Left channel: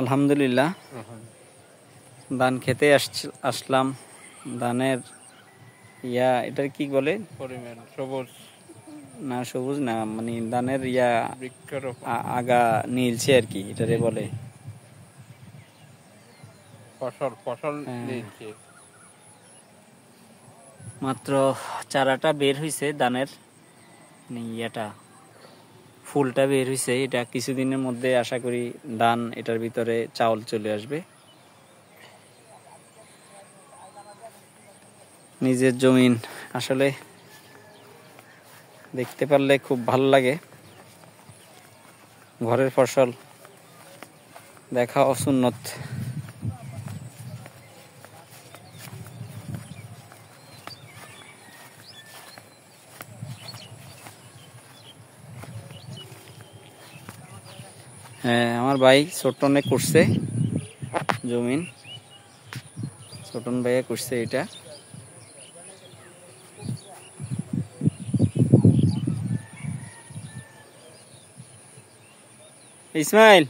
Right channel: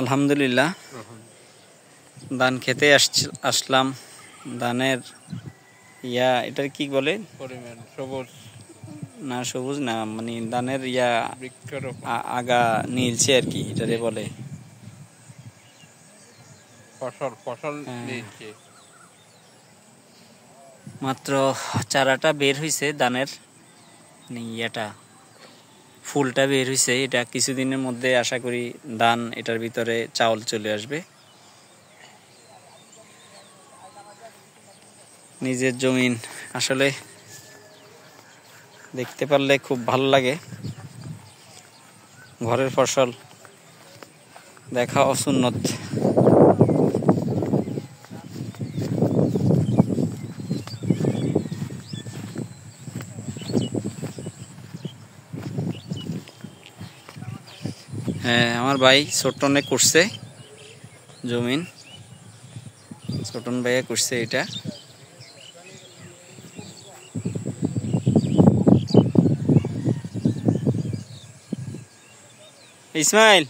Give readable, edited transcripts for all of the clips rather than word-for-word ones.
আলহামদুলিল্লাহ ধান খেতে আসলাম। ধানের এটার কি বলে? সবুজ না, সবুজ না, মানে ধানের আগা নীলছে আর কি, এটারে বলে ফসল নীলছে। মাত্র চারাটা বের হয়েছে ধানের, ফুলটা বের হয়েছে। এটা কিছুদিনের মধ্যে আশা করি ধান এটার ভিতরে চাউল চলে আসবে। নিজের জমিন আসলে দেখতে পারলে খুব ভালো লাগে। ঘরের ফসল দেখা অসুন্নত। হ্যাঁ, আমার ভাই ছোটনে করছে জমিন, ছোটন ভাইয়া করছে এটা। ইসমাইল,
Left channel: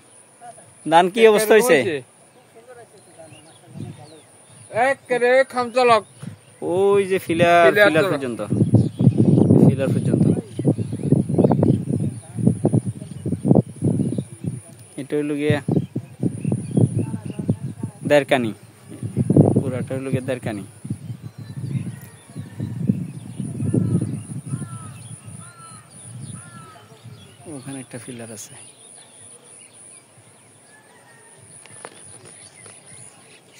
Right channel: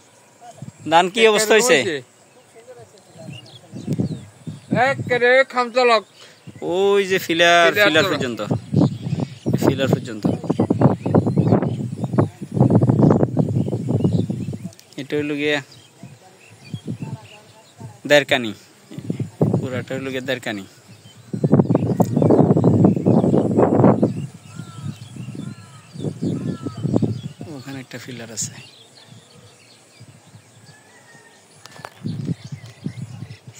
ধান কি অবস্থা হয়েছে? ওই যে ফিলার পর্যন্ত, এটা হইল গিয়ে দেড়কানি, পুরাটা হইল গিয়ে দেড়কানি। ওখানে একটা ফিলার আছে।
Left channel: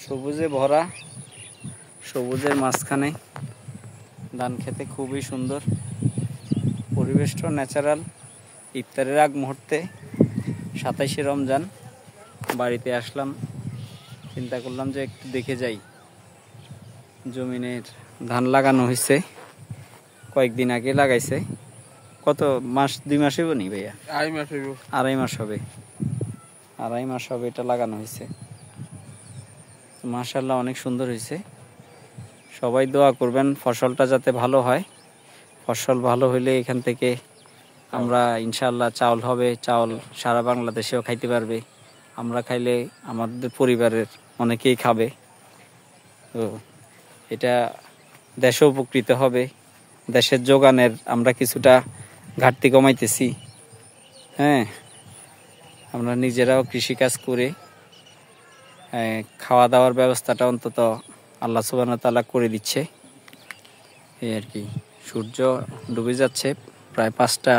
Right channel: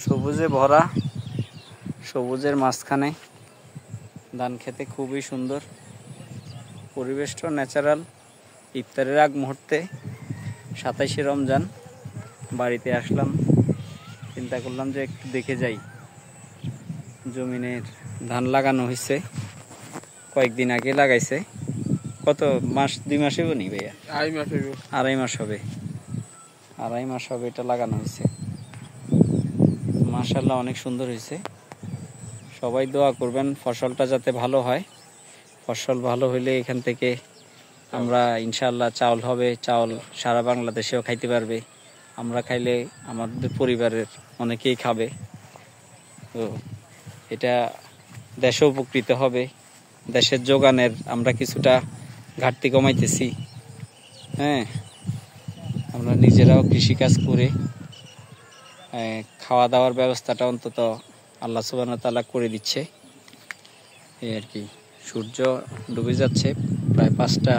সবুজে ভরা, সবুজের মাঝখানে ধান খেতে খুবই সুন্দর। পরিবেশটা ন্যাচারাল। ইফতারের আগ মুহূর্তে 27শে রমজান বাড়িতে আসলাম, চিন্তা করলাম যে একটু দেখে যাই। জমিনের ধান লাগানো হয়েছে, কয়েকদিন আগে লাগাইছে। কত মাস? 2 মাস হইব নি ভাইয়া? আড়াই মাস হবে এটা লাগানো হয়েছে। মাশাআল্লাহ, অনেক সুন্দর হয়েছে। সবাই দোয়া করবেন ফসলটা যাতে ভালো হয়। ফসল ভালো হইলে এখান থেকে আমরা ইনশাআল্লাহ চাউল হবে, চাউল সারা বাংলাদেশেও খাইতে পারবে। আমরা খাইলে আমাদের পরিবারের অনেকেই খাবে। তো এটা দেশও উপকৃত হবে। দেশের যোগানের আমরা কিছুটা ঘাটতি কমাইতেছি। হ্যাঁ, আমরা নিজেরাও কৃষিকাজ করে খাওয়া দাওয়ার ব্যবস্থাটা অন্তত আল্লাহ সুবহানাহু ওয়া তাআলা করে দিচ্ছে, এই আর কি। সূর্য ডুবে যাচ্ছে, প্রায় 5টা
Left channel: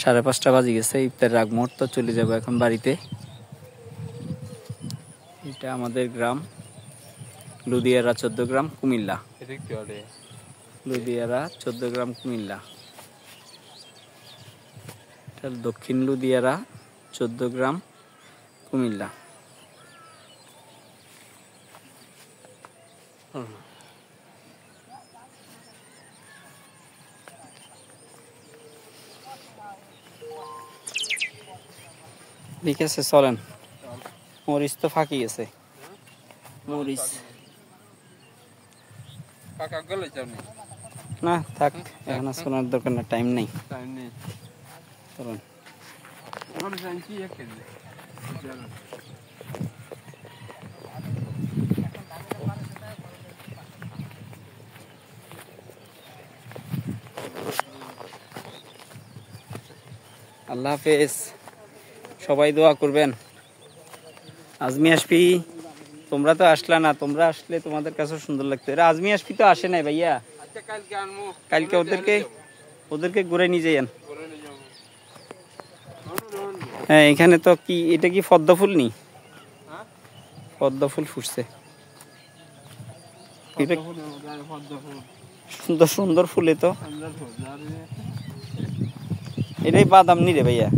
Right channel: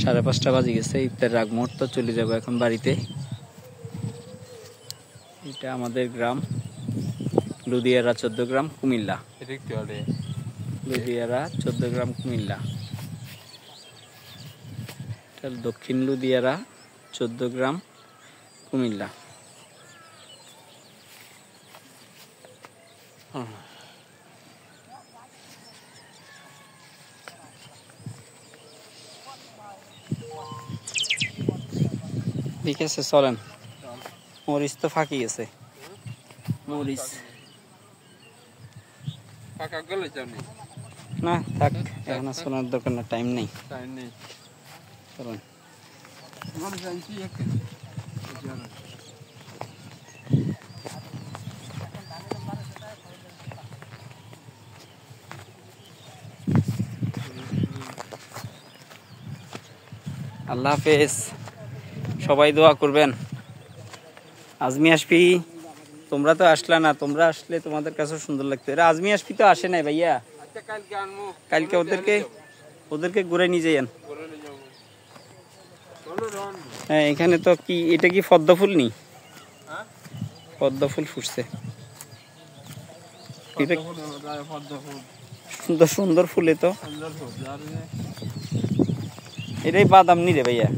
5:30 বাজে গেছে। ইফতারের আগ মুহূর্ত চলে যাবো এখন বাড়িতে। এটা আমাদের গ্রাম লুদিয়ারা 14 গ্রাম, কুমিল্লা। লুদিয়ারা 14 গ্রাম, কুমিল্লা। দক্ষিণ লুদিয়ারা 14 গ্রাম, কুমিল্লা। ঠিক আছে, চলেন। মরিচ তো ফাঁকি গেছে, মরিচ না থাক, এখন শোনার দোকানে টাইম নেই। চলেন। আল্লাহ হাফেজ, সবাই দোয়া করবেন। আজমি আসবি, তোমরা তো আসলা না, তোমরা আসলে তোমাদের কাছে সুন্দর লাগতো। এরা আজমি আসবি তো আসে নাই ভাইয়া, কালকে ওদেরকে ঘুরে নিয়ে যাইয়েন। হ্যাঁ, এখানে তো কি, এটা কি পদ্ম ফুল নি? পদ্ম ফুল ফুটছে, সুন্দর সুন্দর ফুলে তো। এটাই বাদাম নি রে ভাইয়া?